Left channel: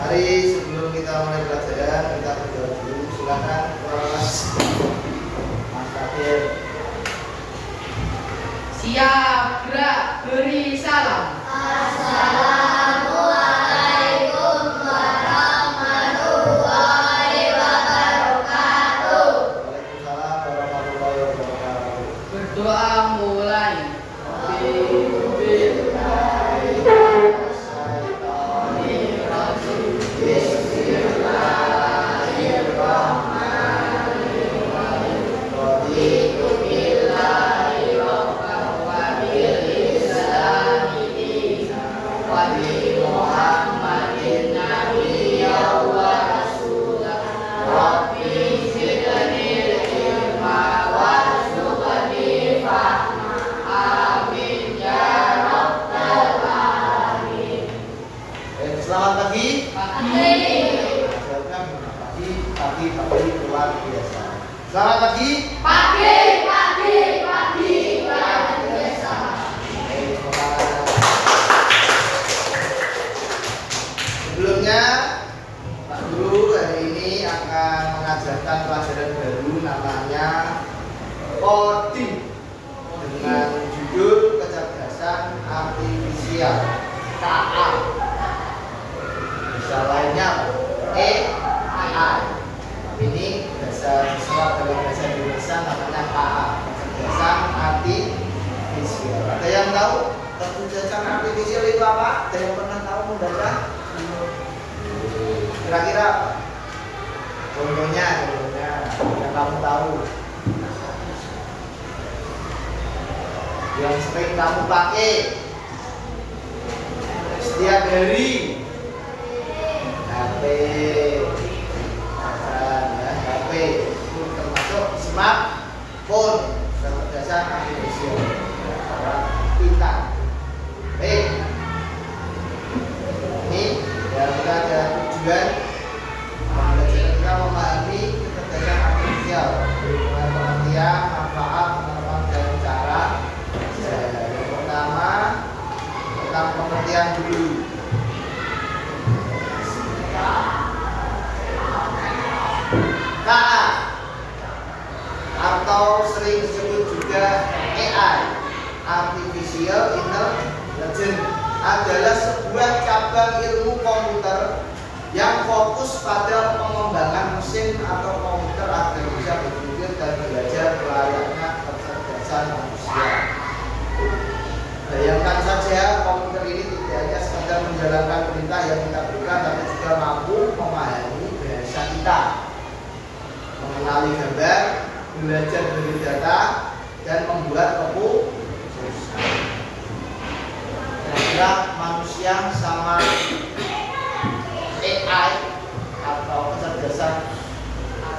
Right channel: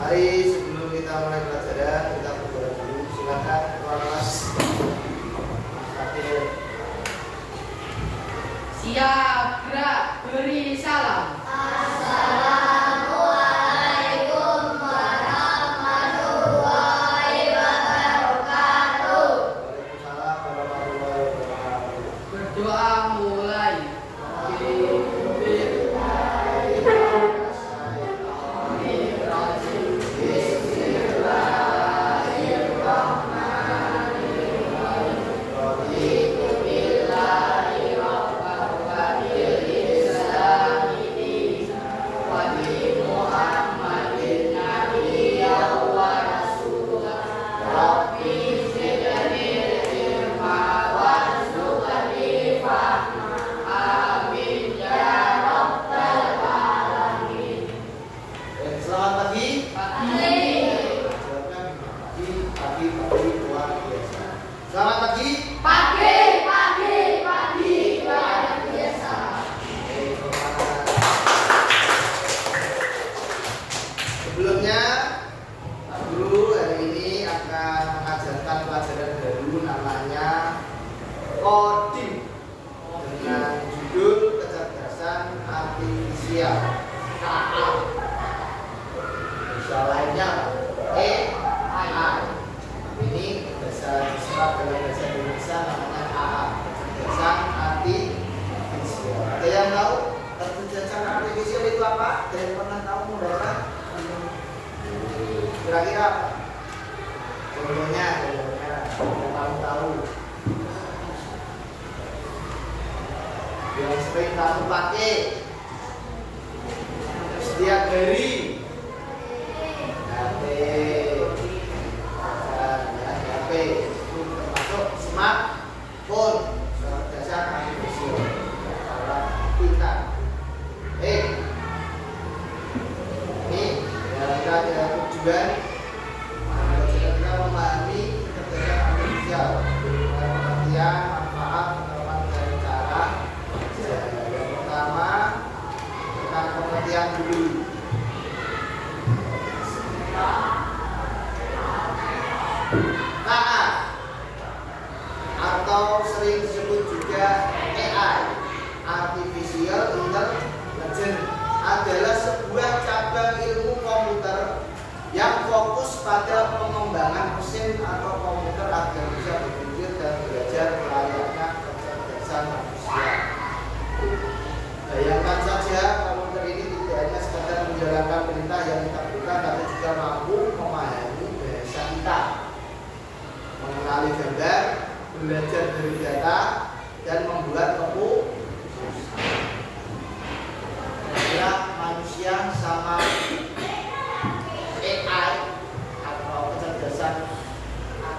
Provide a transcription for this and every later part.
Mari sebelum kita mulai pelajaran kita berdoa dulu. Silakan kelas Mas Fadil. Siap, gerak, beri salam. Assalamualaikum warahmatullahi wabarakatuh. Waalaikumsalam warahmatullahi wabarakatuh. Berdoa mulai. Selamat pagi. Jawabnya pagi luar biasa. Selamat pagi. Pagi luar biasa. Sebelumnya Pak Guru hari ini akan mengajarkan pelajaran baru namanya coding dengan judul kecerdasan artifisial KA. Bisa lainnya AI. Tapi ini bahasa diserap dalam bahasa Indonesia namanya KA, kecerdasan artifisial. Ada yang tahu kecerdasan artifisial itu apa? Ada yang pernah tahu membaca? Kira-kira contohnya yang kamu tahu, yang sering kamu pakai setiap hari. HP, HP itu termasuk smartphone, kecerdasan artifisial, alat pintar. Baik, ini yang kita ada tujuan belajar kita memahami kecerdasan artifisial dengan pengertian, manfaat, pengetahuan dan cara. Yang pertama tentang pengertian dulu. KA atau sering disebut juga AI, Artificial Intelligence, adalah sebuah cabang ilmu komputer yang fokus pada pengembangan mesin atau komputer agar bisa berpikir dan belajar layaknya kecerdasan manusia. Bayangkan saja, komputer ini tidak hanya sekadar menjalankan perintah yang kita berikan, tapi juga mampu memahami bahasa kita, mengenali gambar, belajar dari data, dan membuat keputusan. Kira-kira manusia sama AI atau kecerdasan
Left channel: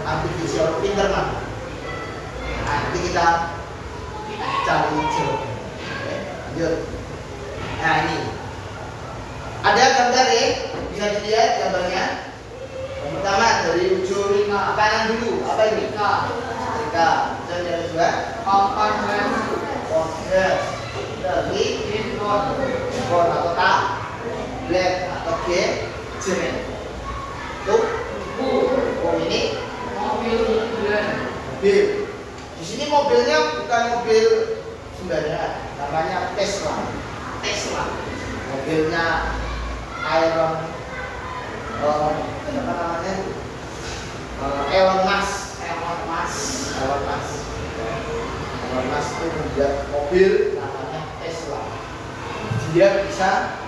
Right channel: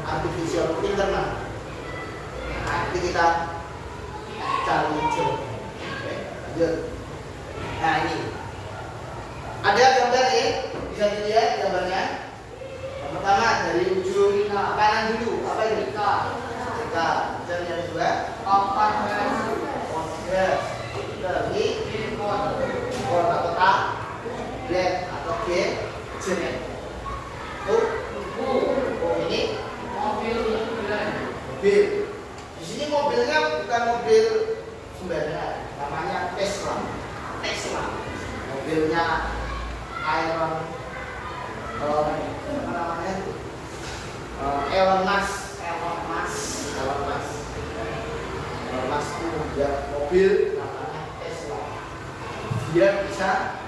artifisial pinter mana? Nah, nanti kita cari jawabannya. Oke, lanjut. Nah, ini ada gambar ya, bisa dilihat gambarnya. Yang pertama dari ujung kanan dulu, apa ini? Setrika. Dan yang kedua, Kompas. lagi skor atau tak, black atau G, jen. Tuh, ini Mobil. mobil. Di sini mobilnya bukan mobil sembarangan, namanya Tesla. Mobilnya Elon Musk. Elon Musk itu membuat mobil namanya Tesla. Dia bisa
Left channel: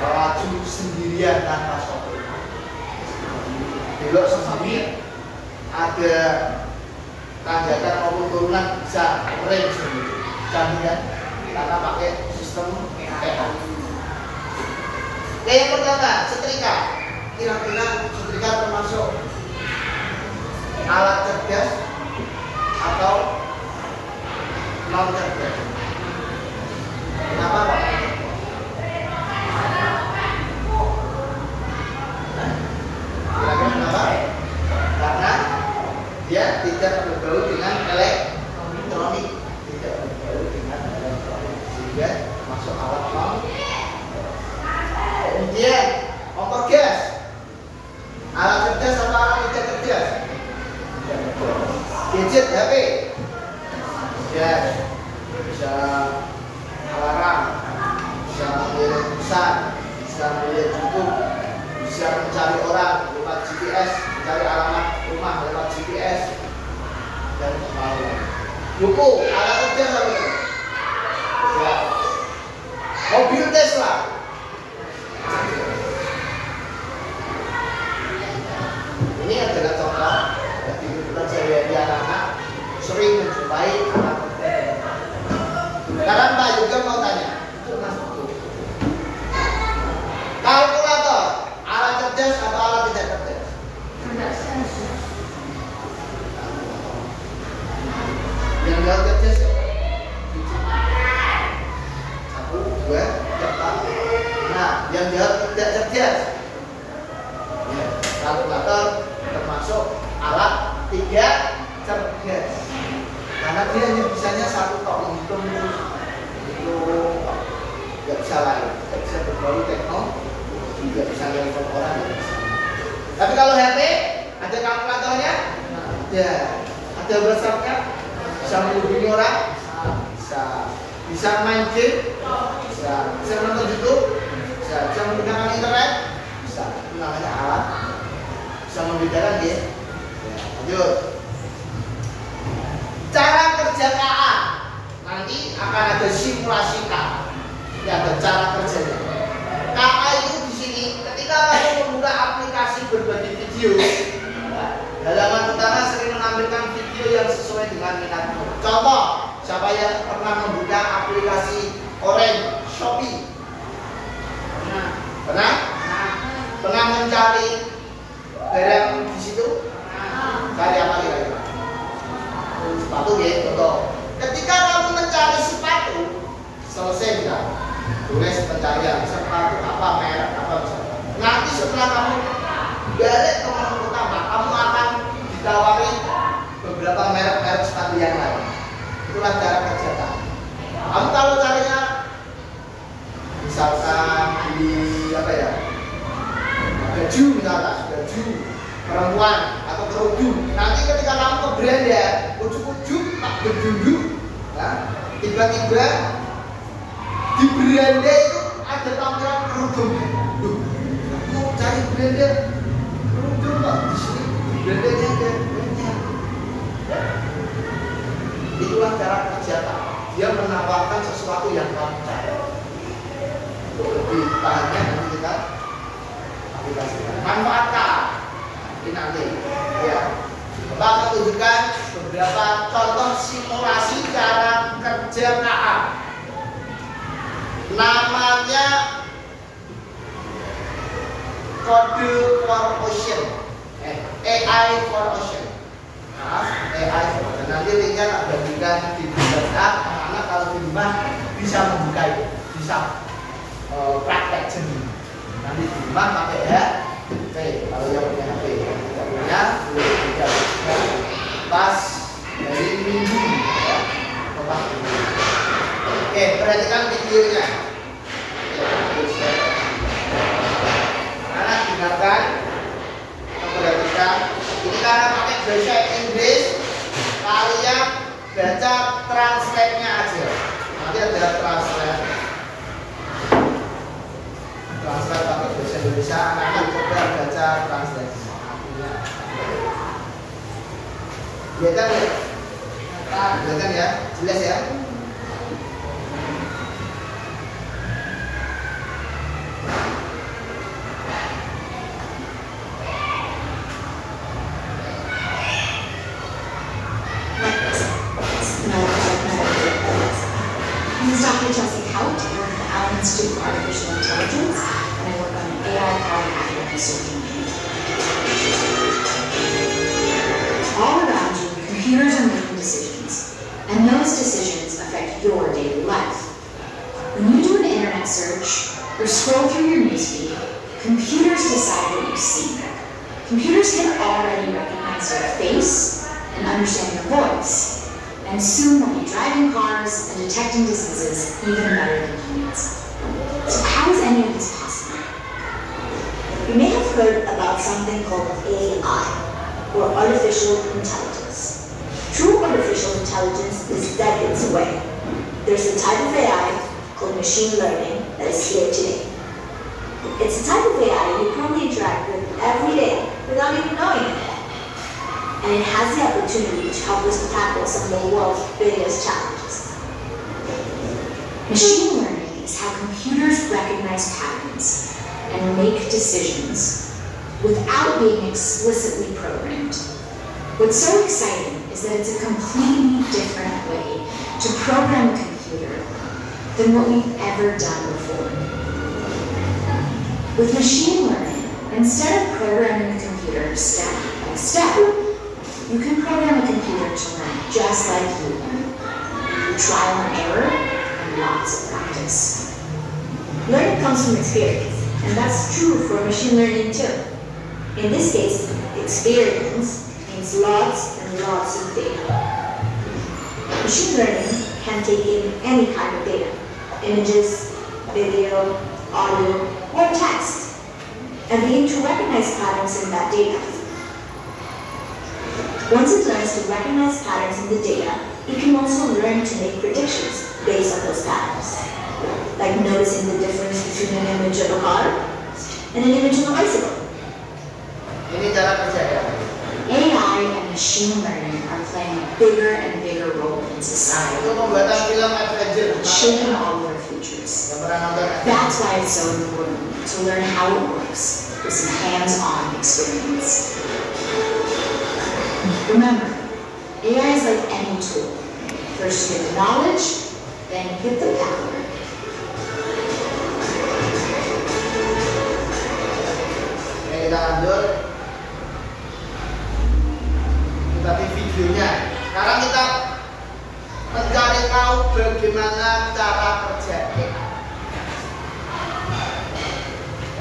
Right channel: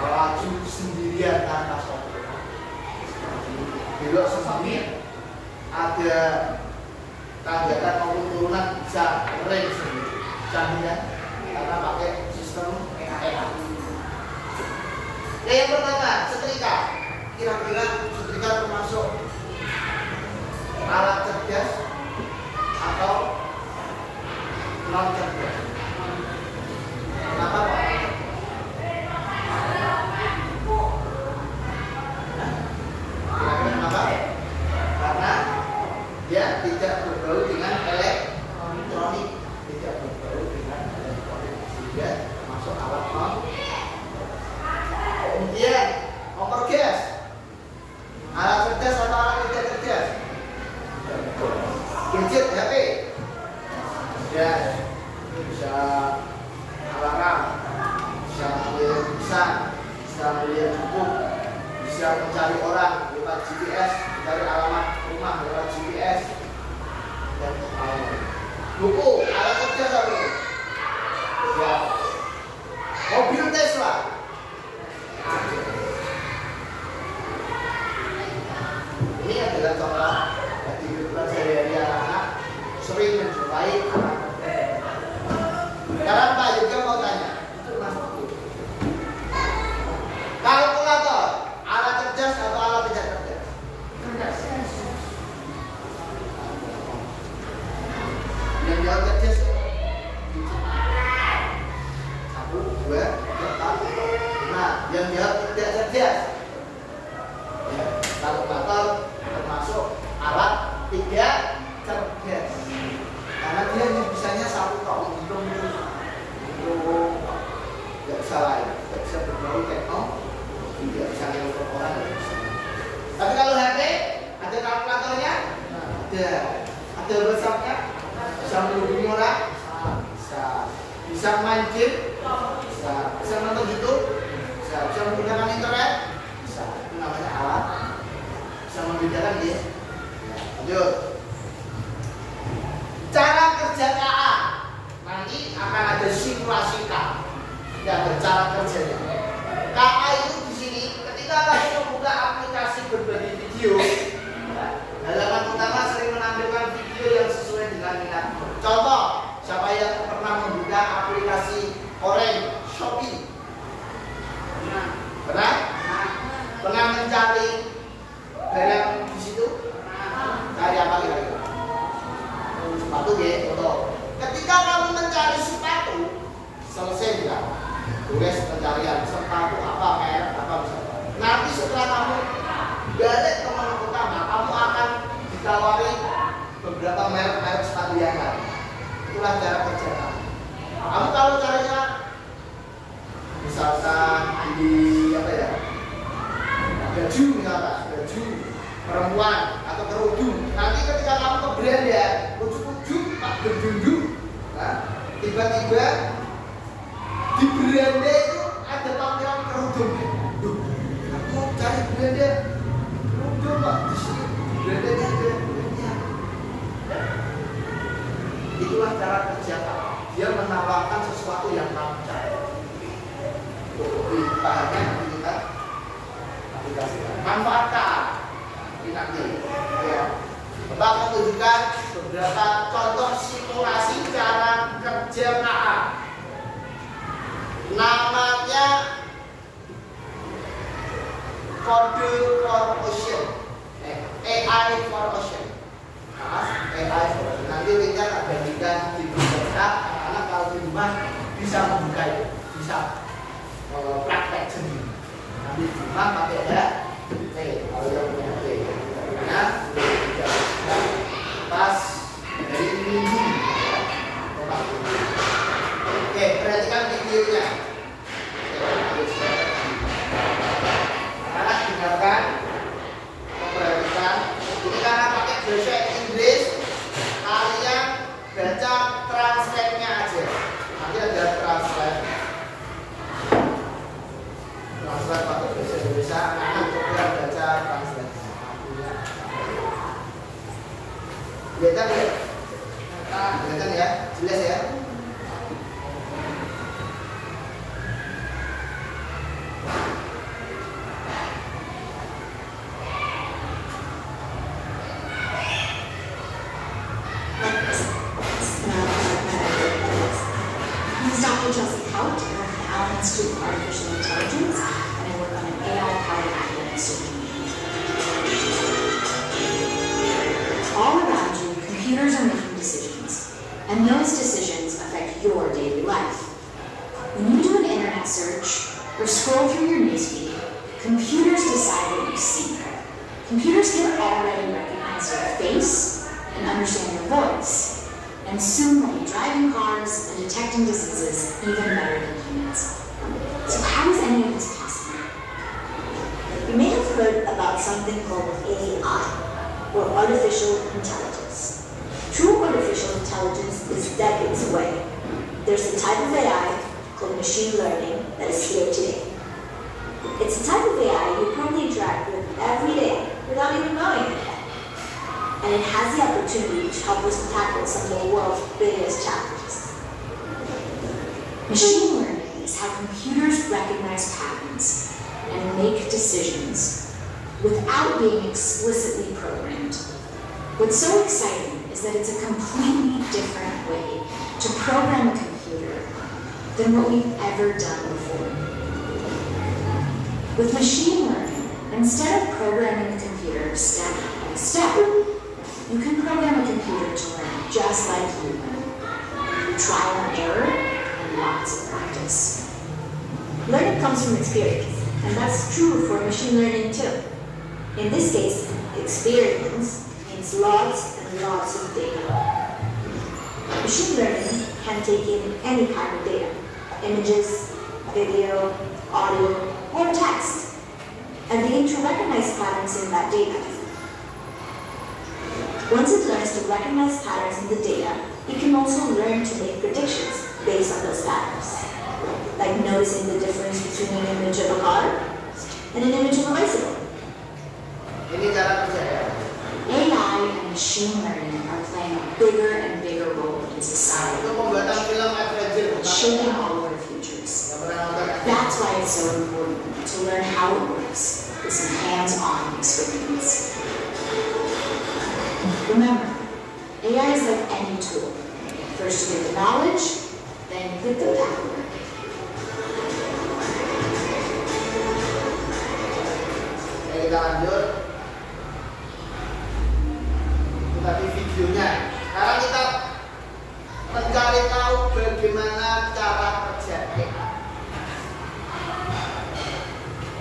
melaju sendirian tanpa sopir. Belok sendiri, ada tanjakan maupun turunan bisa rem sendiri. Canggih kan? Karena pakai sistem AI. Yang pertama, setrika. Kira-kira setrika termasuk alat cerdas atau non cerdas? Kenapa Pak? melihat tulisan, bisa melihat YouTube, bisa mencari orang lewat GPS, mencari alamat rumah lewat GPS, dan buku, alat kerja sampai ya, mobil Tesla. Ini adalah contoh dari kehidupan sehari-hari anak-anak sering menjumpai alat kerja. Sekarang Pak juga mau tanya, itu Mas buku. Kalkulator, alat cerdas atau alat tidak cerdas? Yang jawab cerdas ya? 1, 2, 3, 4. Nah, yang jawab tidak cerdas ya, kalkulator termasuk alat tidak cerdas karena dia hanya bisanya satu tok menghitung itu nggak bisa lain, nggak bisa berbau teknologi, nggak bisa nelfon orang ya bisa. Tapi kalau HP ada kalkulatornya, ada WhatsApp-nya, bisa menghubungi orang, bisa main game, bisa nonton YouTube, bisa menggunakan internet, bisa. Itu namanya alat, bisa membedakan ya. Lanjut. Cara kerja KA nanti akan ada simulasi KA. Ini ada cara kerjanya. KA itu di sini ketika kamu membuka aplikasi berbagi video, halaman utama sering menampilkan video yang sesuai dengan minatmu. Contoh, siapa yang pernah membuka aplikasi Orange, Shopee? Pernah? Pernah mencari barang di situ? Cari apa kira-kira? Sepatu ya, contoh. Ketika kamu mencari sepatu, selesai tidak? Tulis pencarian sepatu apa, merek apa misalnya. Nanti setelah kamu balik ke menu utama, kamu akan ditawari beberapa merek-merek sepatu yang lain. Itulah cara kerja kamu. Kamu kalau carinya, misalkan di apa ya? Baju misalkan, baju perempuan atau kerudung. Nanti ketika kamu ke Belanda, ujuk-ujuk tak berdunduk, nah, tiba-tiba di Belanda itu ada tampilan kerudung. Loh, aku mau cari Belanda kerudung kok di sini. Belanda juga. Itulah cara kerja kamu. Dia menawarkan sesuatu yang kamu cari. Untuk lebih pahamnya nanti kita aplikasikan. Manfaatkan. Ini nanti ya. Bapak akan tunjukkan beberapa contoh simulasi cara kerja KA. Namanya Code for Ocean, AI for Ocean. AI for Ocean. Nanti linknya tak bagikan di Google. Anak-anak kalau di rumah bisa membuka itu, bisa praktek sendiri. Nanti di rumah pakai ya. Oke, kalau yang punya HP, tidak punya, boleh tidak pas dari minggu ya, Oke, perhatikan videonya. Anak dengarkan, perhatikan. Ini karena pakai bahasa Inggris, kalian baca translate-nya aja. Nanti ada translate. Translate pakai bahasa Indonesia, anak-anak coba baca translate artinya. Kelihatan ya? Kelihatan ya? Jelas ya? Institute for Artificial Intelligence, and I work on an AI-powered academic research. All around you, computers are making decisions, and those decisions affect your daily life. When you do an internet search or scroll through your newsfeed, computers decide what you see. Computers can already recognize your face and understand your voice, and soon will be driving cars and detecting diseases even better than humans. So how is any of this possible? You may have heard about something called AI, or artificial intelligence. True artificial intelligence is decades away. There's a type of AI called machine learning that is here today. It's a type of AI you probably interact with every day without even knowing it. And it has the opportunity to help us tackle some of the world's biggest challenges. Machine learning is how computers recognize patterns and make decisions without being explicitly programmed. What's so exciting is that it's a completely different way to program a computer than what we've ever done before. With machine learning, instead of programming the computer step by step, you can program a computer to learn just like you learn, through trial and error and lots of practice. Learning comes from experience, and that's true for machine learning too. In this case, experience means lots and lots of data. Machine learning can take in any kind of data: images, video, audio, or text, and begin to recognize patterns in that data. Once it learns to recognize patterns in the data, it can also learn to make predictions based on those patterns, like noticing the difference between an image of a car and an image of a bicycle. Ini cara kerja ya. AI and machine learning are playing a bigger and bigger role in Nah, society, itu pembuatan film adventure. shaping all our futures. Yang pernah nonton? That's why it's so important to learn how it works with some hands-on experience. Remember, AI is like any tool. First you get the knowledge, then you get the power. Oke, kita lanjut. Kita di videonya. Sekarang kita mencari tahu bagaimana cara kerja AI.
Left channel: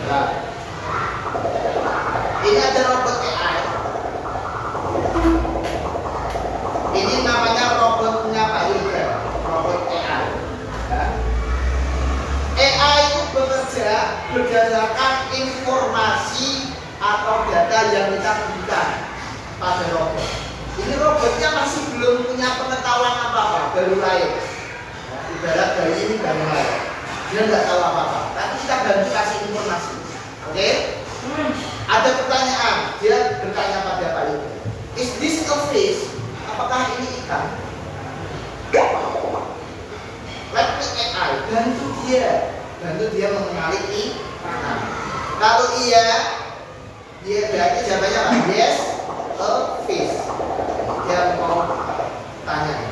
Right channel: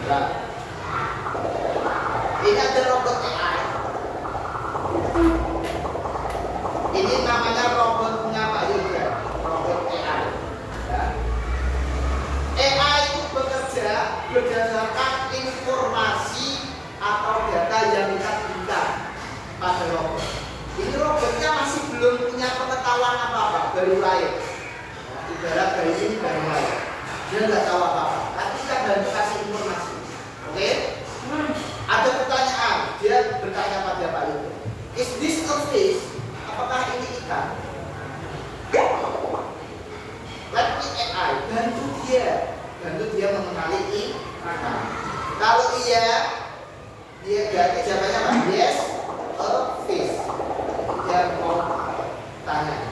Nah, ini ada robot AI. Ini namanya robotnya Pak Yoga, robot AI. Ya. AI itu bekerja berdasarkan informasi atau data yang kita berikan pada robot. Ini robotnya masih belum punya pengetahuan apa-apa, baru lahir. Nah, ibarat dari ini baru lahir, dia nggak tahu apa-apa. Tapi kita bantu kasih informasi. Oke? Ada pertanyaan, dia bertanya pada Pak Yoga, is this a fish? Apakah ini ikan? Let me AI, bantu dia mengenali ikan. Kalau iya, dia berarti jawabannya apa? Yes, a fish. Dia mau tanya.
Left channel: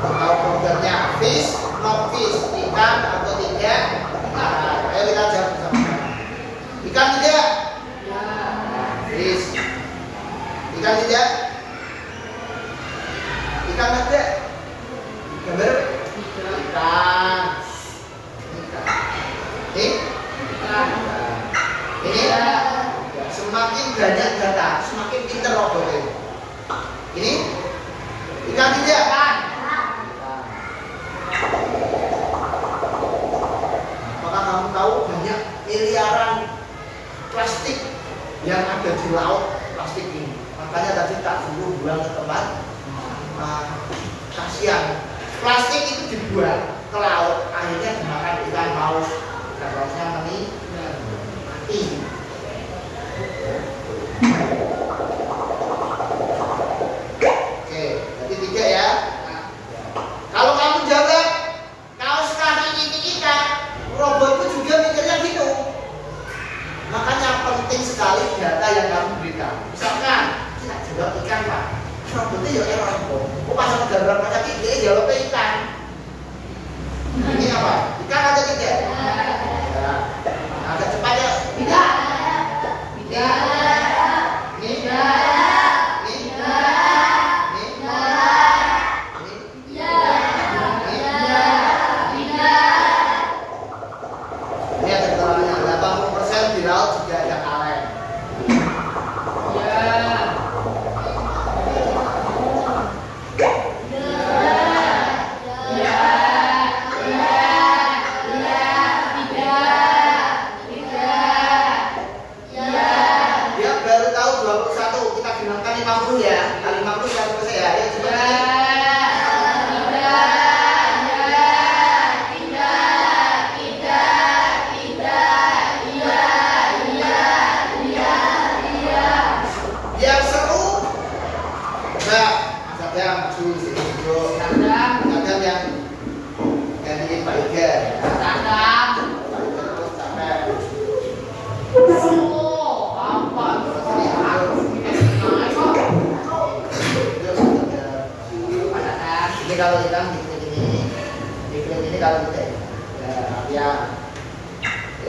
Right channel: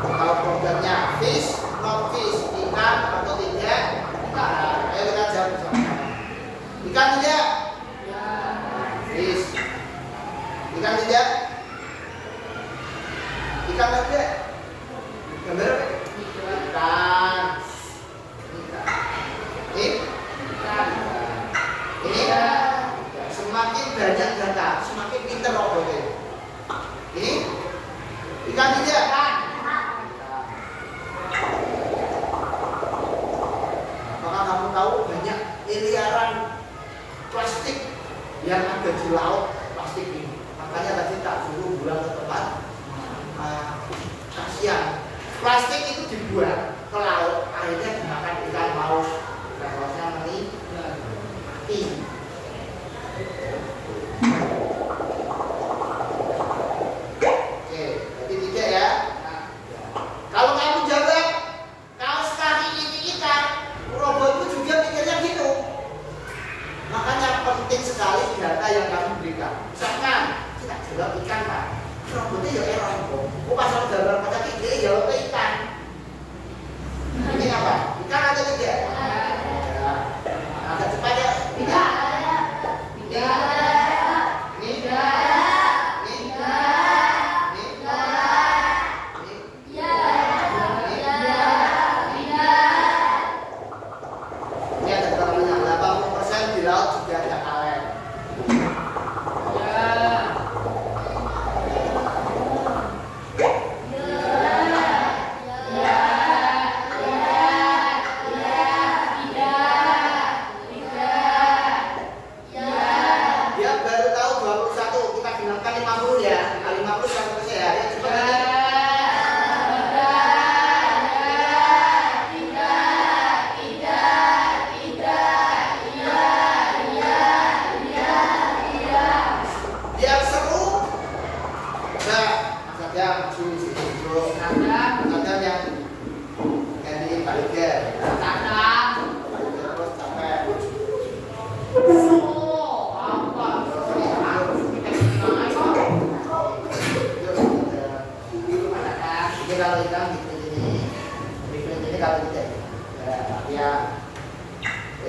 Kalau programnya fish, not fish, ikan atau tidak? Nah, ayo kita jawab bersama. Ikan tidak? Ya. Fish. Ikan tidak? Ikan ada? Gambar? Ikan. Ini? Ini? Semakin banyak data, semakin pintar robot ini. Ini? Ikan tidak? Apakah kamu tahu banyak miliaran plastik yang ada di laut plastik ini? Makanya tadi tak suruh buang ke tempat kasihan. Plastik itu dibuang ke laut, akhirnya dimakan ikan paus, ikan pausnya mati. Oke, jadi tidak ya. Kalau kamu jawab, kau sekali ini ikan, robotku juga mikirnya gitu. Makanya penting sekali data yang kamu berikan. Misalkan kita jawab ikan Pak, robotnya ya error kok. Pas aku jawab tadi dia jawab ikan. Ini apa? Ikan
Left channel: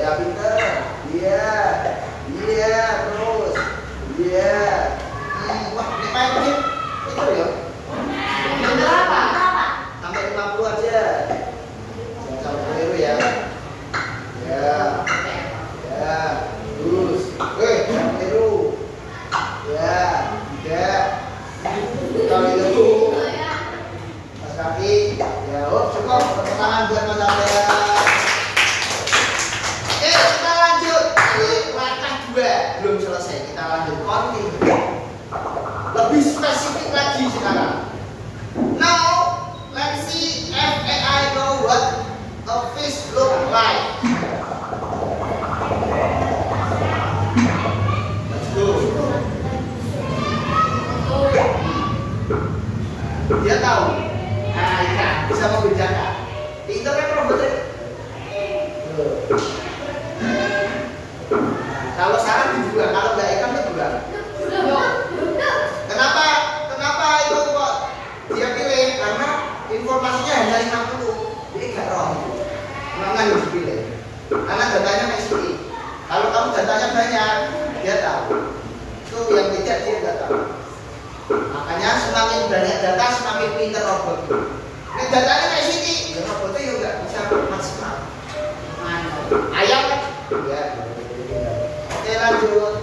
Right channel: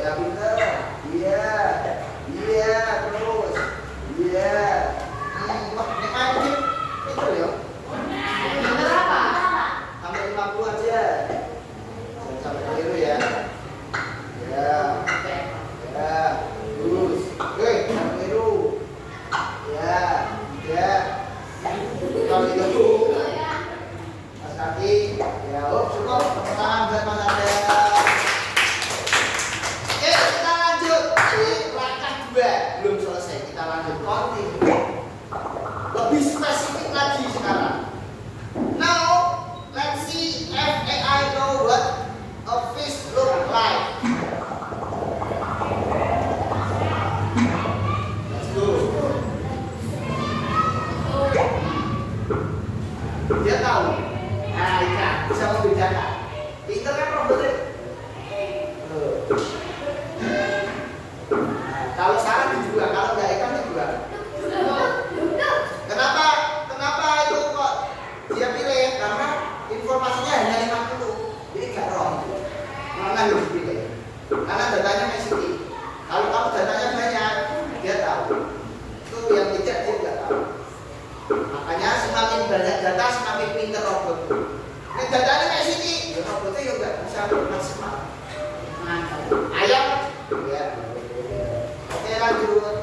Ya pinter. Iya. Iya terus. Iya. Wah, main game itu ya. Bener apa? Sampai 50 aja. Jangan sampai keliru ya. Ya. Ya. Terus. Jangan keliru. Ya. 3. Kali itu. Mas kaki. Ya, cukup. Tepuk tangan buat Mas Arya. Kita lanjut. Langkah 2 belum selesai. Kita lanjut continue. Lebih spesifik lagi sekarang. Now, let's see if AI know what a fish look like. Let's go. Dia tahu. Nah, ikan bisa membedakan. Pinter kan robotnya? Kalau salah dijual, kalau nggak ikan dijual. Kenapa itu kok dia pilih? Karena informasinya hanya 50. Jadi nggak roh. Mana yang dipilih? Karena datanya Messi. Kalau kamu datanya banyak, dia tahu. Itu yang tidak dia nggak tahu. Makanya semakin banyak data, semakin pintar robot. Ini datanya Messi, ya robotnya juga nggak bisa maksimal. Ayam kan? Ya. Oke lanjut.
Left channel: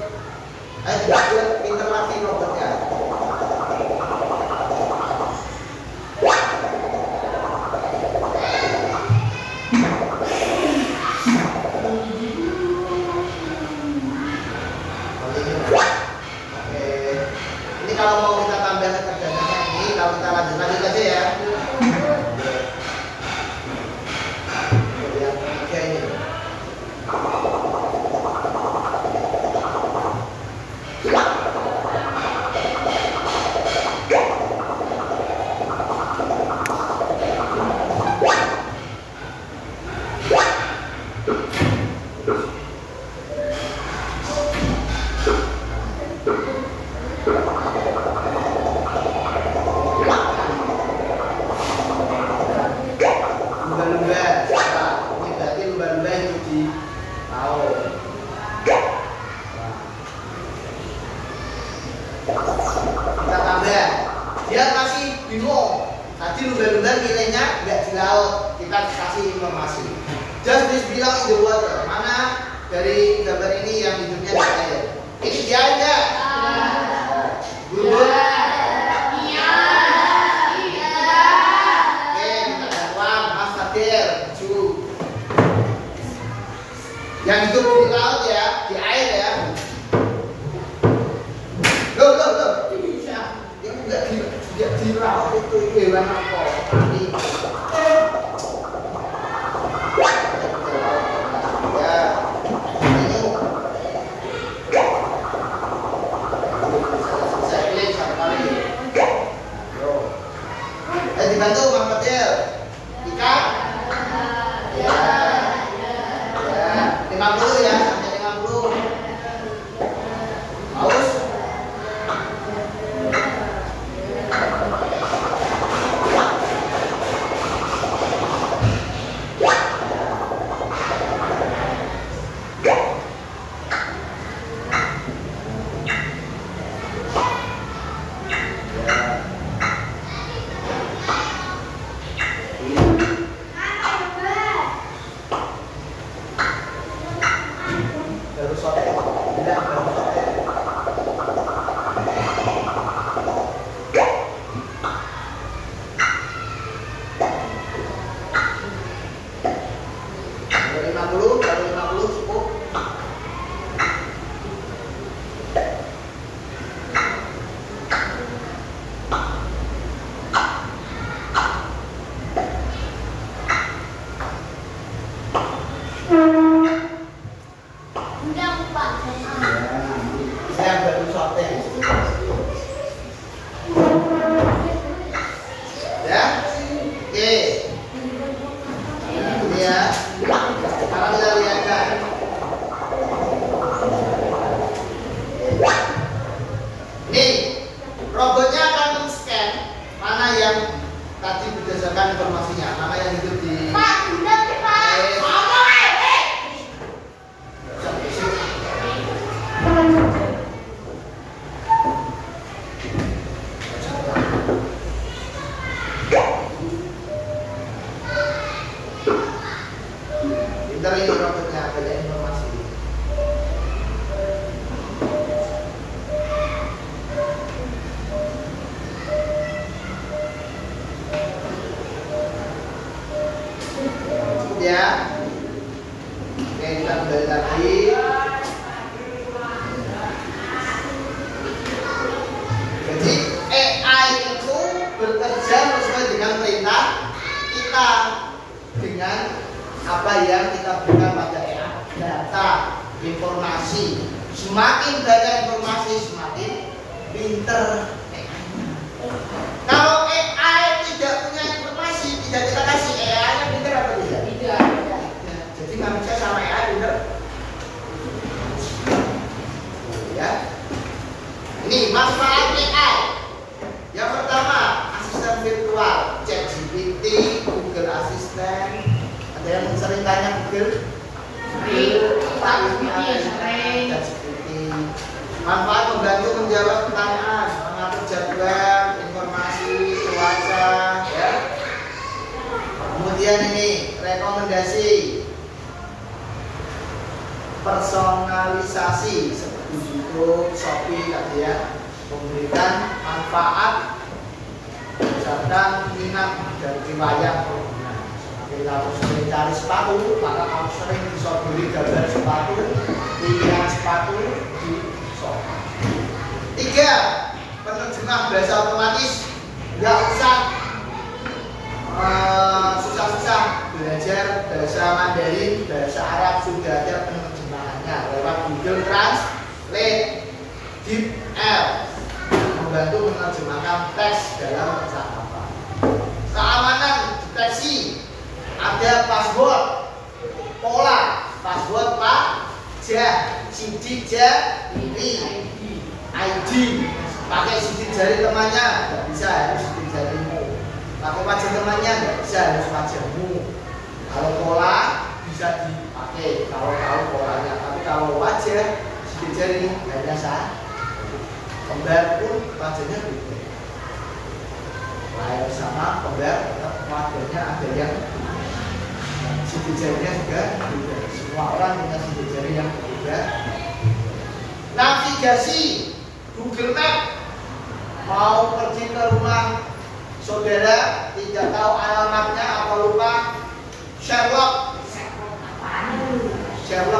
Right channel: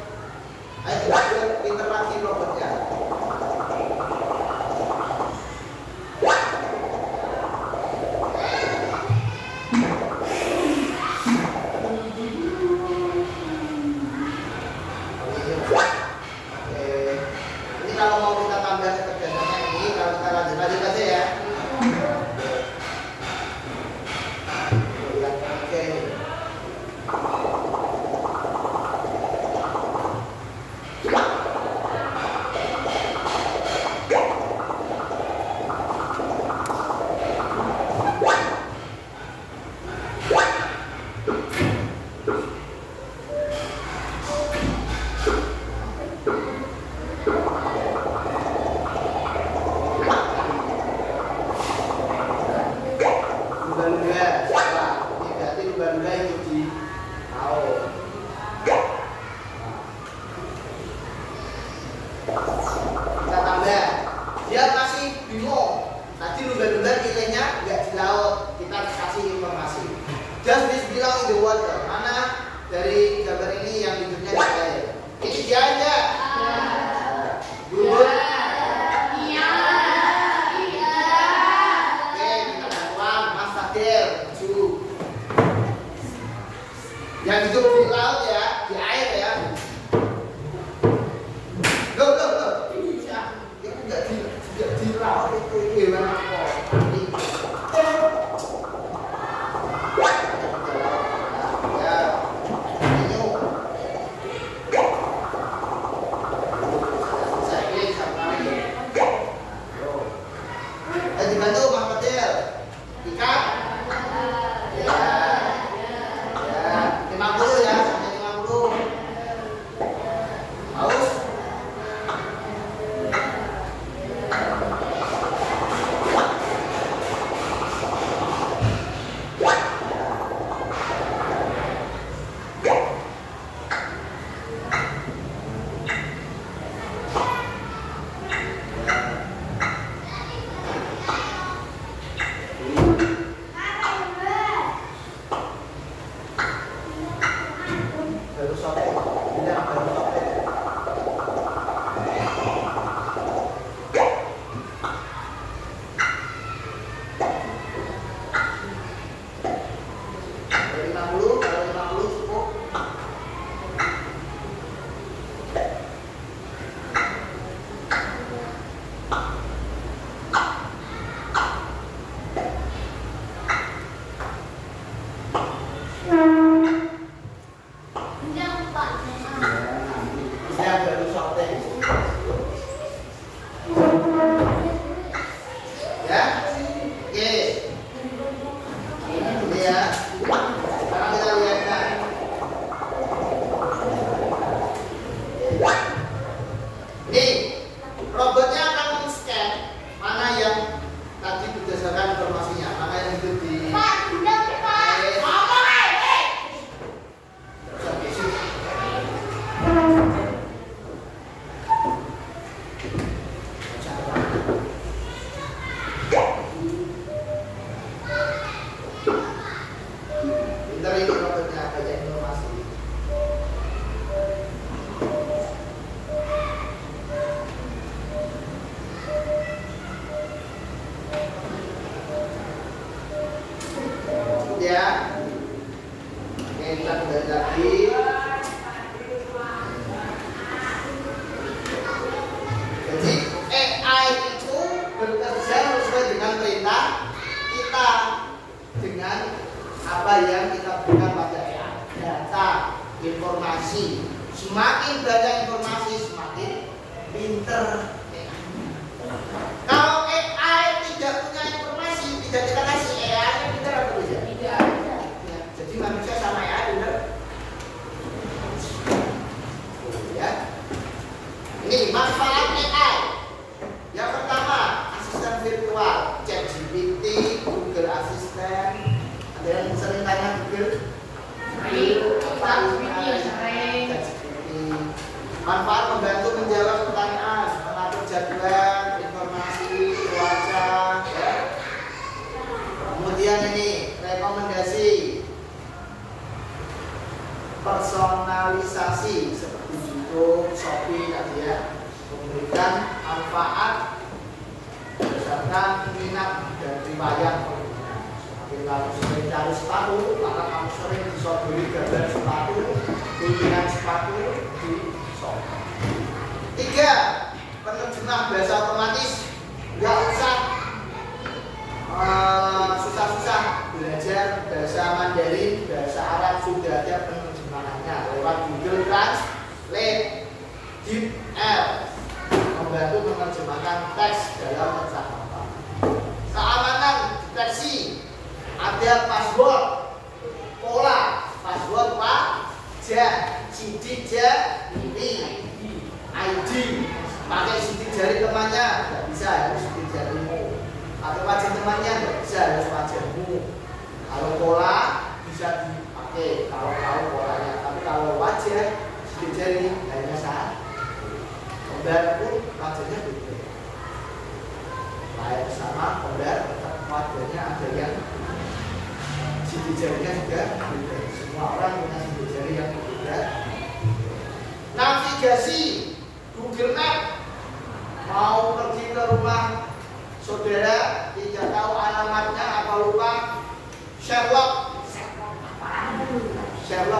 Ayo lanjut, pintar lagi robotnya. Ini kalau mau kita tambah kecerdasannya ini, kalau kita lanjut aja ya. Lihat oke ini. Lumba-lumba, siapa? Ini berarti lumba-lumba itu di laut. Kita tambah. Dia masih bingung. Tadi lumba-lumba pilihnya nggak di laut. Kita kasih informasi. Just this bilang in the water. Mana dari gambar ini yang hidupnya di air? Ini dia aja. Bubur. Yang hidup di laut ya, di air ya. Loh. Yang enggak di laut itu hewan apa? Ya. Ini. Saya pilih satu kali. Yo. Ayo dibantu Bang Fadil. Ikan. Ya. 50 ya, sampai 50. Haus? Baru sore, bilang baru sore. Baru 50 cukup. Saya baru sorting. Ya, oke. Ini ya. Sekarang kita lihatkan. Nih, robotnya akan men-scan mana yang tadi berdasarkan informasinya, mana yang hidup di Pinter ini robotnya, banyak informasi. Cukup ya. Oke, kita kembali lagi. Jadi AI itu bekerja sesuai dengan perintah kita dengan apa yang kita berikan pada AI. Data, informasi. Semakin banyak informasi, semakin pinter AI. Kalau AI tidak punya informasi, tidak kita kasih AI-nya pinter apa tidak? Tidak. Jadi manusia sama AI pinter. Ya. Ini manfaat AI. Yang pertama, asisten virtual, ChatGPT, Google Assistant. Ada yang sering tanya Google? ChatGPT. Manfaat membantu menjawab pertanyaan, mengatur jadwal, informasi, cuaca, ya. Kemudian ini rekomendasi, personalisasi seperti YouTube, Shopee tadi ya, memberikan manfaat berdasarkan minat dan riwayat pengguna. Semakin kamu sering cari sepatu, maka kamu sering bisa beli gambar sepatu, pilihan sepatu di Shopee. 3. Penerjemah bahasa otomatis. Nggak usah susah-susah belajar bahasa Mandarin, bahasa Arab, sudah ada penerjemahannya lewat Google Translate. DeepL membantu menerjemahkan teks dalam percakapan. Keamanan deteksi, ada password, pola, password wajah, sidik jari, ID. Pakai sidik jari temannya nggak bisa, harus sidik jarimu. Pakai wajah temannya nggak bisa, harus wajahmu. Kalau pola bisa dipakai kalau tahu polanya, tapi kalau wajah sidik jari hanya sah. Kembar pun wajahnya beda. Lahir sama kembar tetap wajahnya ada yang sidik jarinya juga beda. Semua orang punya sidik jari yang berbeda. Navigasi, Google Map. Mau pergi ke rumah saudara, tidak tahu alamatnya apa lupa, Sherlock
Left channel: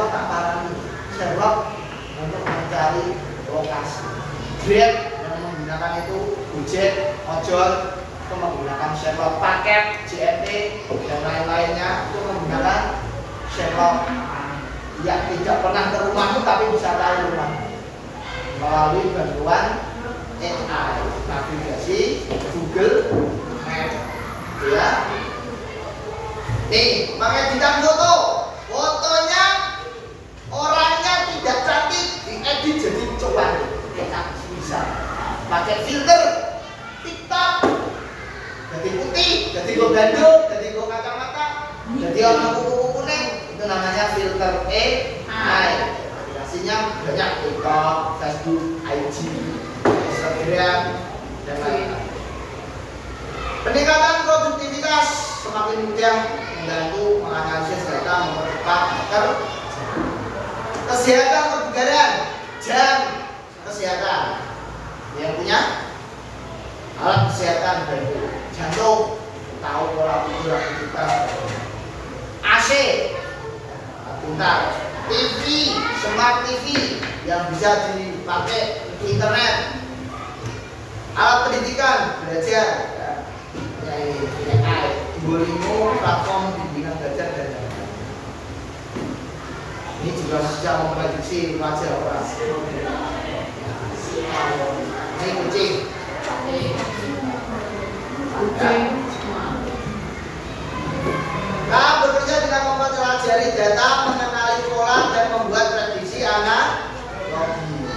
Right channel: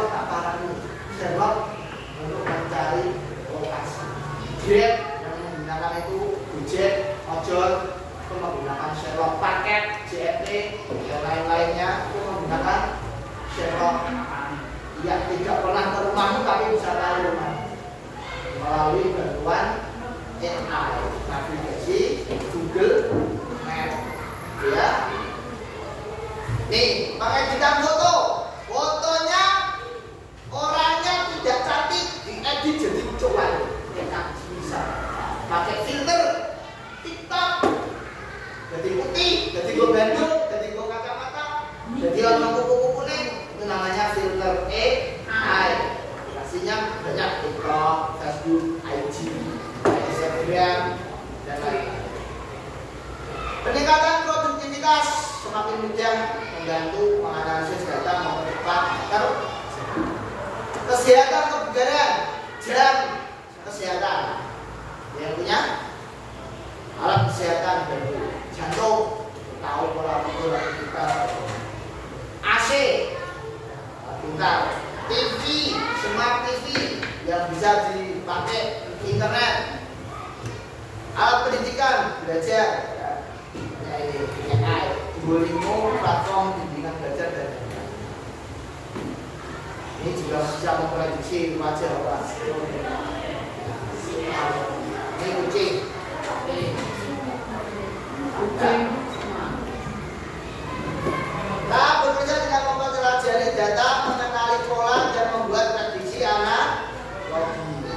tak parani. Sherlock untuk mencari lokasi. Grab yang menggunakan itu, Gojek, ojol itu menggunakan Sherlock, paket, JNT dan lain-lainnya itu menggunakan Sherlock. Ya, tidak pernah ke rumahmu tapi bisa tahu rumah melalui bantuan AI, navigasi, Google Map, ya. Nih, pakai bintang foto, fotonya orangnya tidak cantik, diedit jadi cuan. Bisa pakai filter TikTok, jadi putih, jadi go bandung, jadi go kacamata, jadi orang kuku kuning, itu namanya filter AI. Aplikasinya banyak, TikTok, Facebook, IG, Instagram, dan lain-lain. Peningkatan produktivitas, semakin mudah membantu menganalisis data, mempercepat. Kesehatan kebugaran, jam kesehatan. Yang punya alat kesehatan baru, jantung, tahu pola tidur, aktivitas. AC, pintar. TV, smart TV yang bisa dipakai internet. Alat pendidikan, belajar, AI, Duolingo, platform bimbingan belajar dan lain-lain. Ini juga bisa memprediksi wajah orang. Ini kucing. Nah, bekerja dengan mempelajari data, mengenali pola dan membuat prediksi analogi.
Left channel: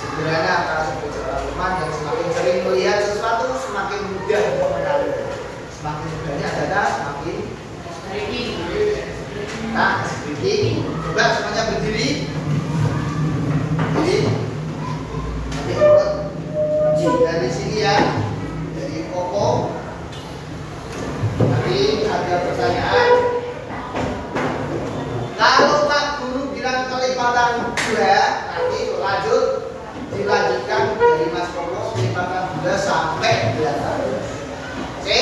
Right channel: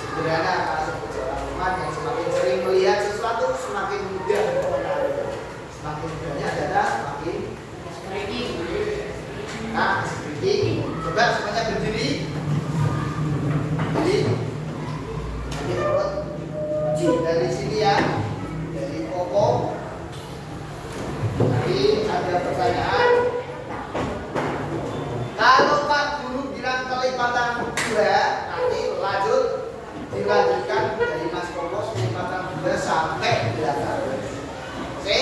Sederhana kalau seperti orang teman yang semakin sering melihat sesuatu, semakin mudah mengenali. Semakin mudahnya data, semakin speaking. Coba semuanya berdiri. Jadi, nanti urut dari sini ya, dari Koko. Nanti ada pertanyaan. lanjutkan dari Mas Koko kelipatan 2 sampai 8. Oke?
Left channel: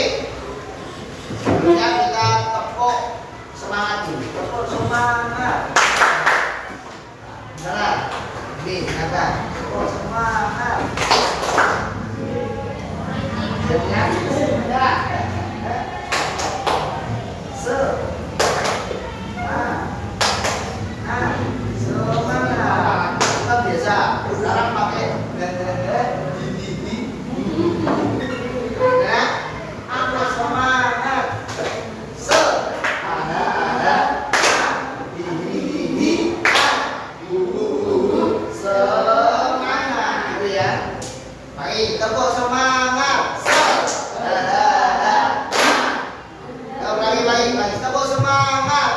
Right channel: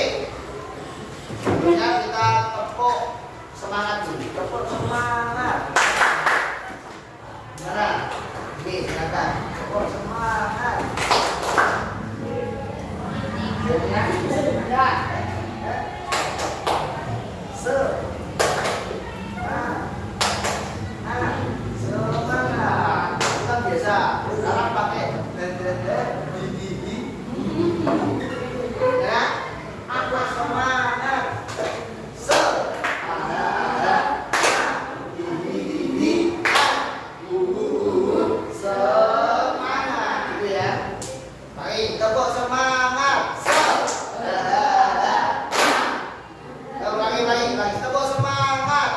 Sebelumnya kita tepuk semangat dulu. Tepuk semangat. Jangan. Ini silakan. Tepuk semangat. Jadinya ada. Semangat. Kita biasa. Sekarang pakai ya. Apa semangat? Semangat gitu ya. Baik, tepuk semangat. Lagi, tepuk semangat.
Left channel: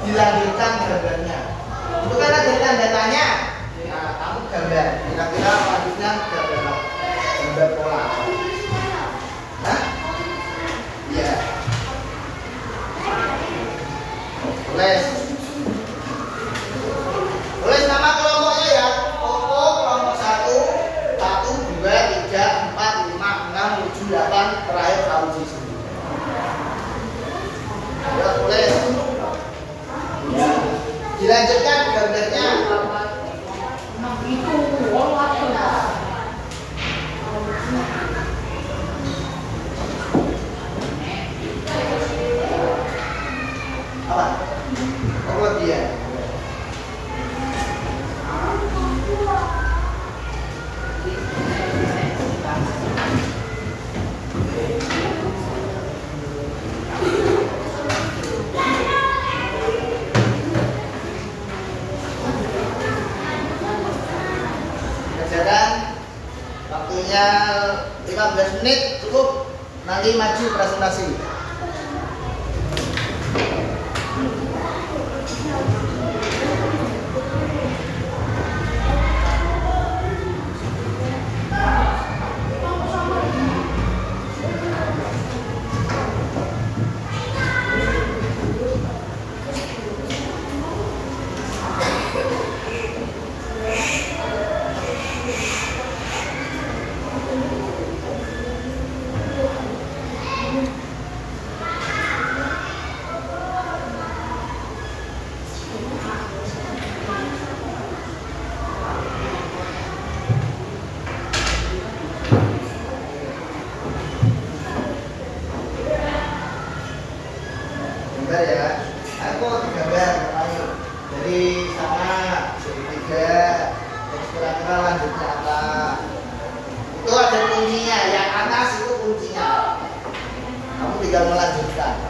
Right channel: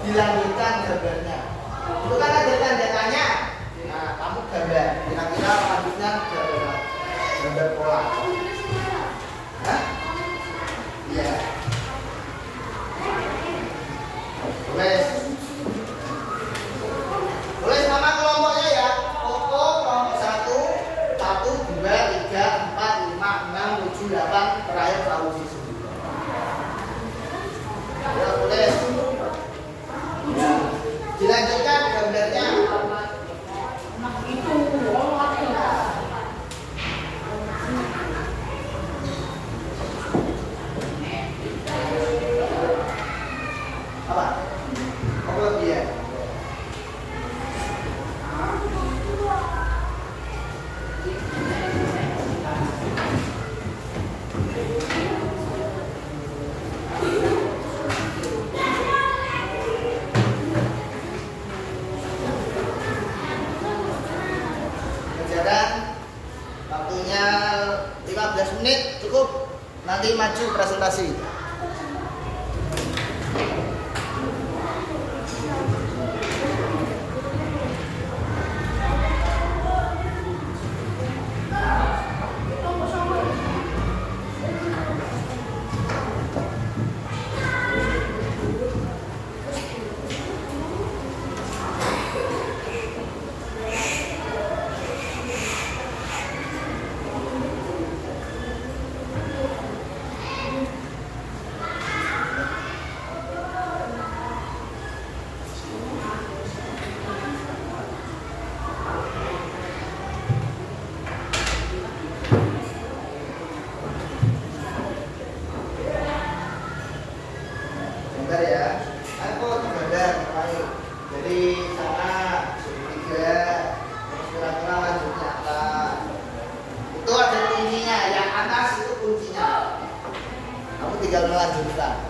Dilanjutkan gambarnya. Itu kan ada tanda tanya. Nah, kamu gambar. Kira-kira lanjutnya gambar pola. Hah? Iya. Boleh nama kelompoknya ya. Koko kelompok 1, 1, 2, 3, 4, 5, 6, 7, 8, terakhir Fauzi. Ya, boleh. Dilanjutkan gambarnya. Apa? Oh, dia. Waktunya 15 menit cukup, nanti maju presentasi. Bentar ya, aku gambar. Jadi sama segitiga, terus kira-kira lanjutnya apa? Itu ada kuncinya, yang atas itu kuncinya. Kamu tinggal melanjutkan.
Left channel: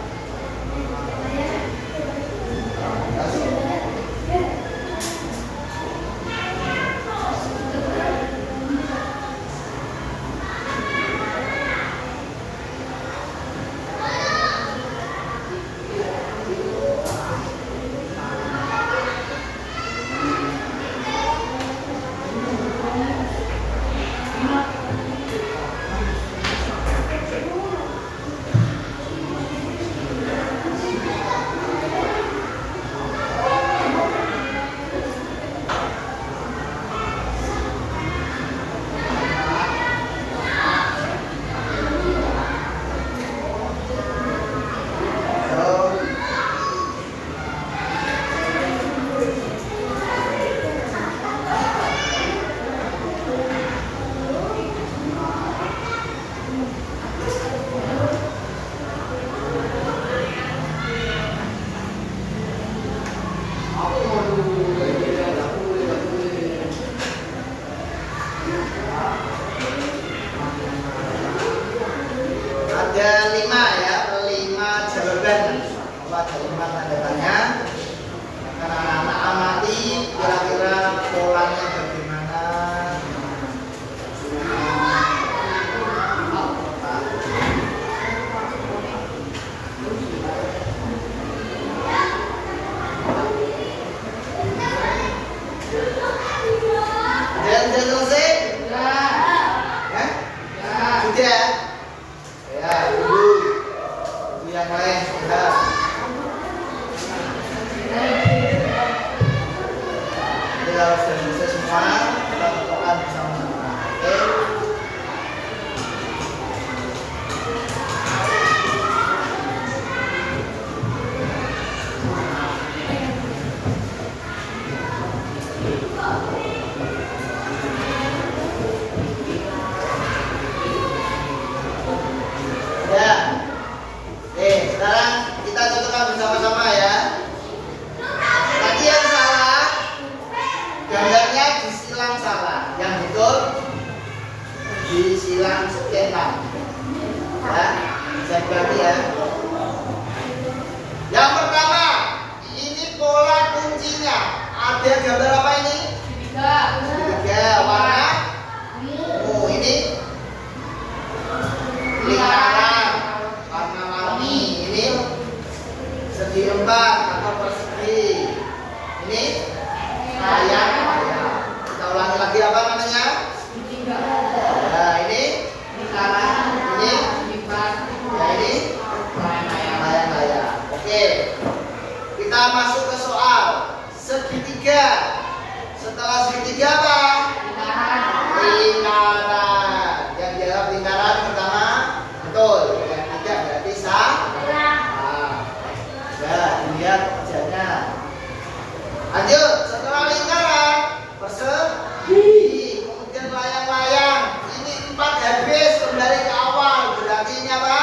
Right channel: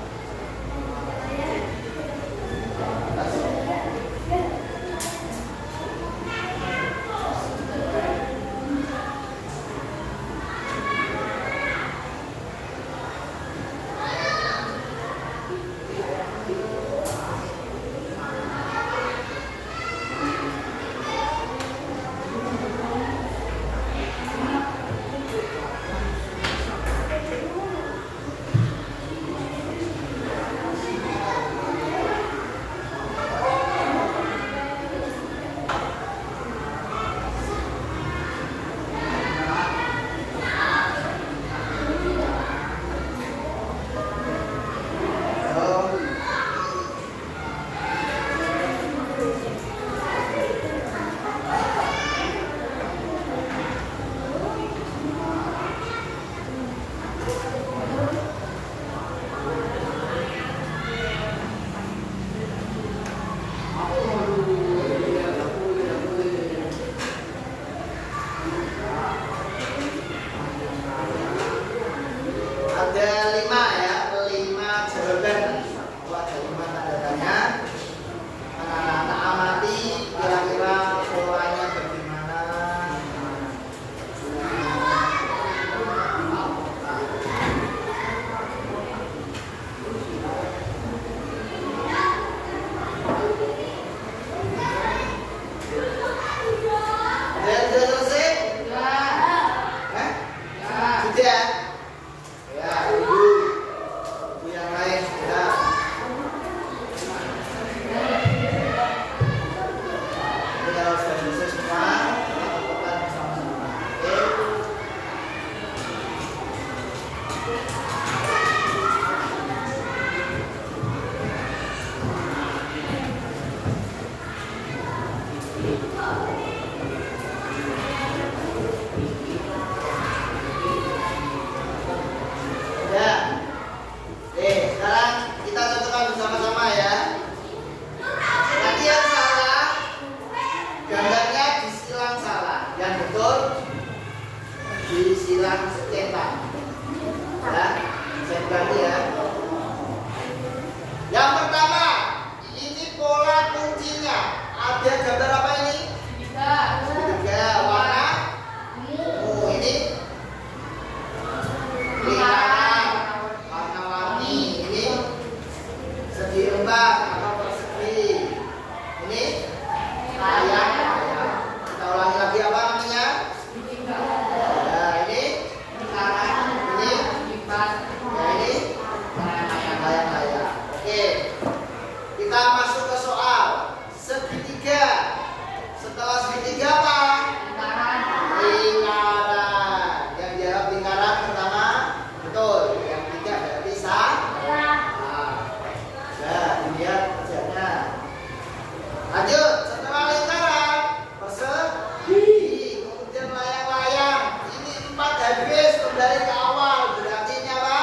Sudah selesai semua, kita tentukan bersama-sama. Oke. Ya. Sekarang kita tentukan bersama-sama ya. Nanti yang salah gambarnya disilang salah, yang betul disilang cetak. Ya, saya ganti ya. Yang pertama, ini pola kuncinya. Ada gambar apa ini? Segitiga warna ungu. Ini lingkaran warna-warni. Ini segi empat atau persegi. Ini layang. Kita ulangi lagi apa namanya? Nah, ini lingkaran. Ini ya ini layang-layang. Oke. Kita masuk ke soal segitiga. Setelah segitiga apa? Lingkaran. Yang jawab lingkaran pertama betul. Yang tiga berarti salah. Ya, lihat kerjanya. Lanjut, setelah lingkaran persegi, kemudian layang-layang. Ini 4 habis, kembali ke awal. Berarti ini apa?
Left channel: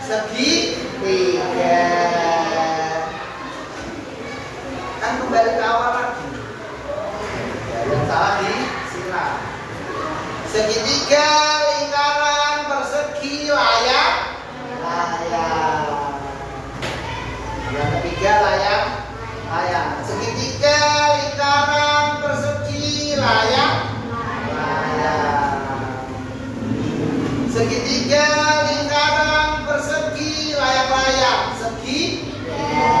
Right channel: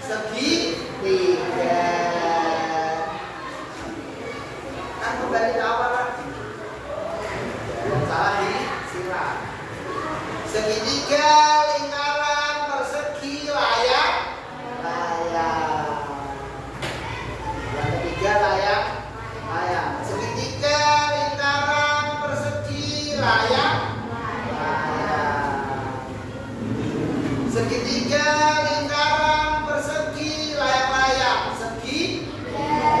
Segitiga. Kan kembali ke awal lagi. Yang salah disilang. Segitiga, lingkaran, persegi, layang. Yang ketiga layang. Segitiga, lingkaran, persegi, layang. Segitiga, lingkaran, persegi, layang-layang. Segitiga,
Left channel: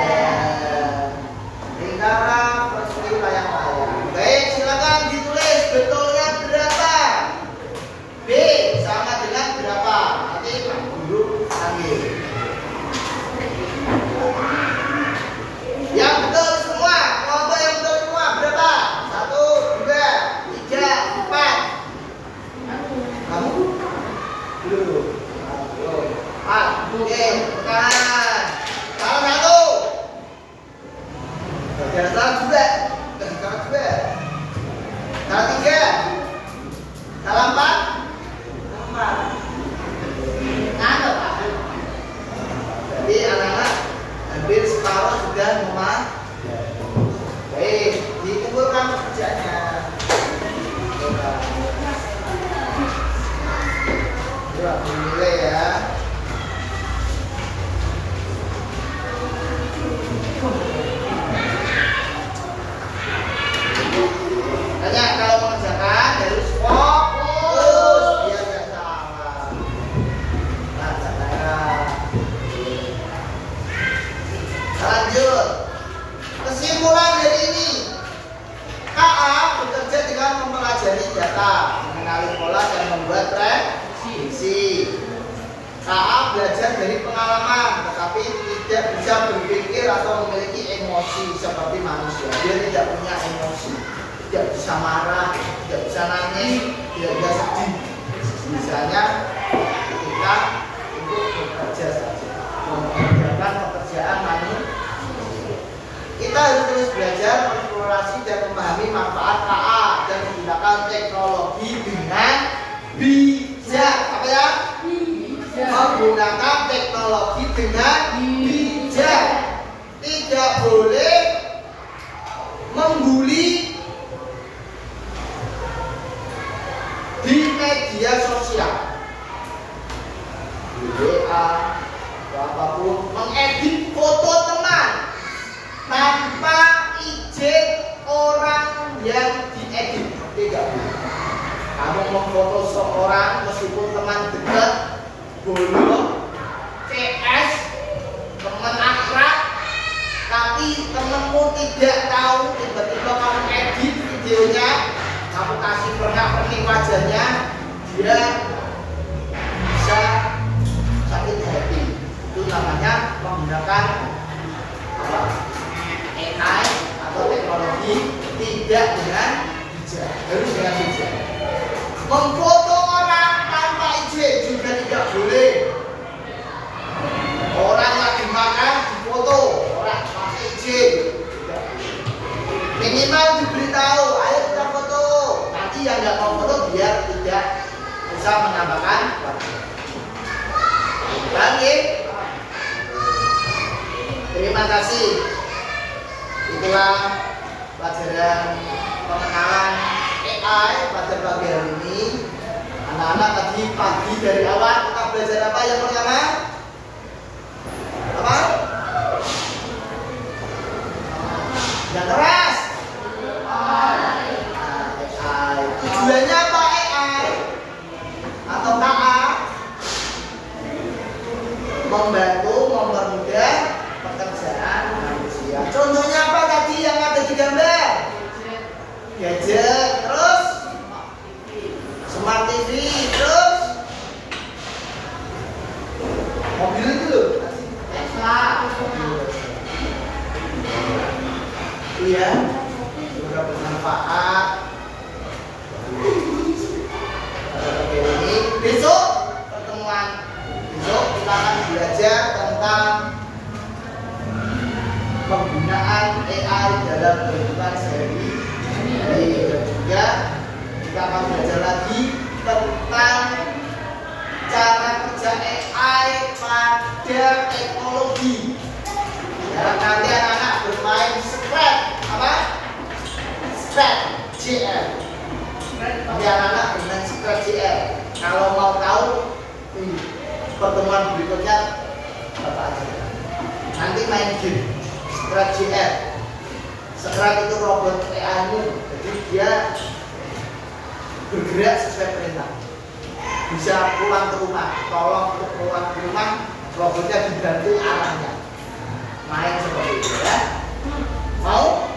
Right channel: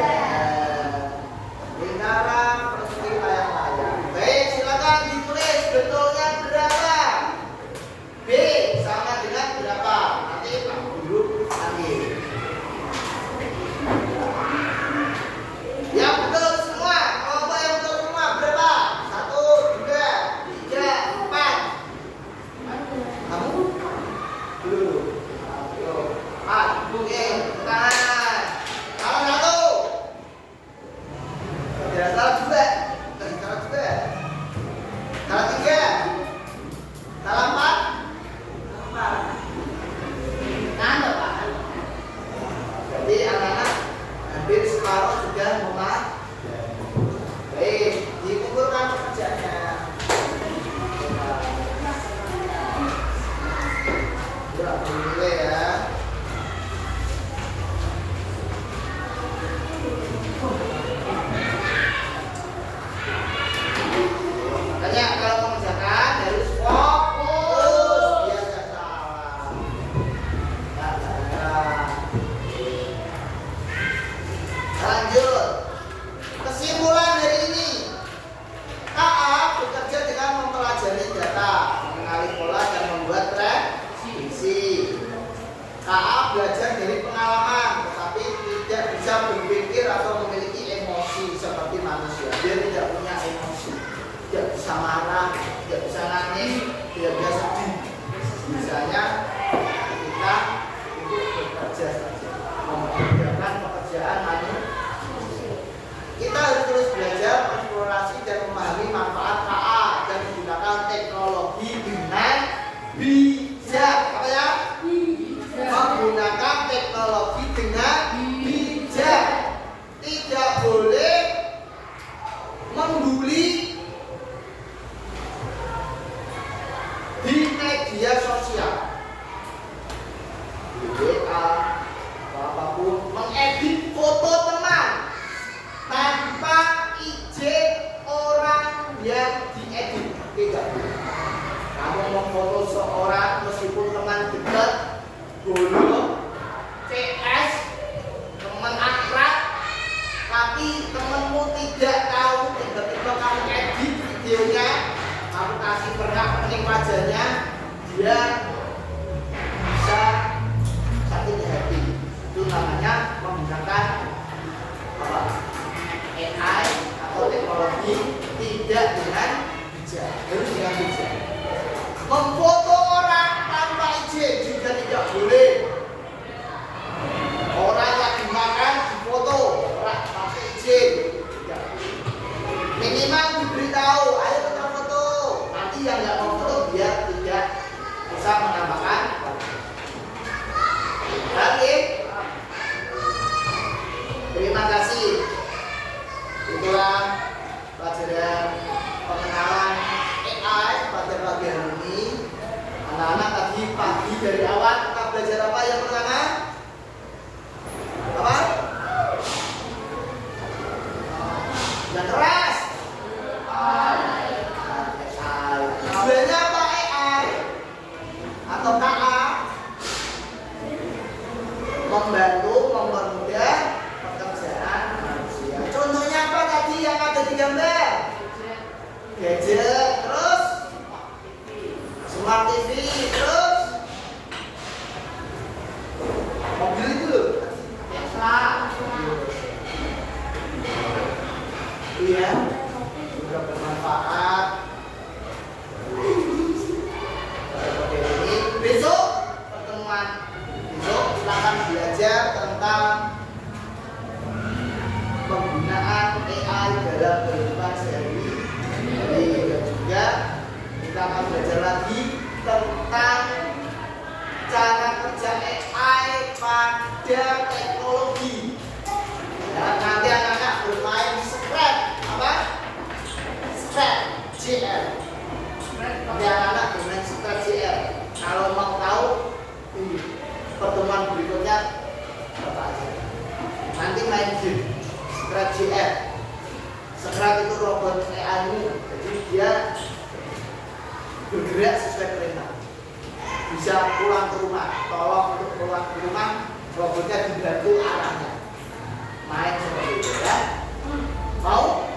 lingkaran, persegi, layang-layang. Baik, silakan ditulis betulnya berapa. B sama dengan berapa. Nanti Pak Guru ambil. Yang betul semua, kelompok yang betul semua berapa? 1, 2, 3, 4. Kamu? Belum. Oke, kanan. Salah 1. Salah 2. Salah 2. Salah 3. Salah 4. Jadi anak-anak hampir separuh sudah memahami. Baik, dikumpulkan pekerjaannya. Surat menilai ya. Tanya kalau mengerjakan harus fokus biar tidak salah. Lanjut. Kesimpulan dari ini, KA bekerja dengan mempelajari data, mengenali pola dan membuat prediksi. KA belajar dari pengalaman, tetapi tidak bisa berpikir atau memiliki emosi seperti manusia. Dia tidak punya emosi, tidak bisa marah, tidak bisa nangis, tidak bisa sedih. Misalnya ketika itu bekerja saja, mengerjakan pekerjaan manusia. Kita harus terus belajar, eksplorasi dan memahami manfaat KA dan menggunakan teknologi dengan bijak. Apa ya? Menggunakan teknologi dengan bijak. Tidak boleh membuli di media sosial, di WA atau apapun, mengedit foto teman tanpa izin orang yang diedit. Tidak boleh. Kamu memfoto seorang meskipun teman dekat, boleh CS, teman akrab, tapi temanmu tidak tahu, tiba-tiba kamu edit videonya, kamu kasih pernak-pernik wajahnya, dia bisa sakit hati. Itu namanya menggunakan apa? AI atau teknologi tidak dengan hijab, harus dengan hijab. Memfoto orang tanpa izin juga tidak boleh. Orang lagi makan difoto, orang pakai izin. Tidak. Minimal diberitahu, ayo kita foto. Nanti yang nggak mau foto biar tidak bisa menambahkan waktu. Lagi. Terima kasih. Itulah pelajaran pengenalan AI pada pagi hari ini. Anak-anak tadi pagi dari awal kita belajar apa yang pertama? Apa? Yang keras. AI. Tujuannya apa AI? Atau KA? Membantu, mempermudah pekerjaan manusia. Contohnya apa tadi yang ada di gambar? Gadget, terus Smart TV, terus mobil itu Tesla. Iya, juga bermanfaat. Seperti ini. Besok pertemuan besok kita akan belajar tentang penggunaan AI dalam kehidupan sehari-hari. Dan juga kita akan belajar lagi tentang cara kerja AI pada teknologi. Ya, nanti anak-anak bermain Scratch, apa? Scratch JL. Nanti anak-anak bermain Scratch JL. Kalau mau tahu di pertemuan berikutnya Bapak aja. Nanti main game Scratch JL. Scratch itu robot AI-mu, jadi dia bergerak sesuai perintah. Bisa pulang ke rumah, tolong untuk pulang ke rumah, robotnya dibantu arahnya. Main seperti itu ya. Mau?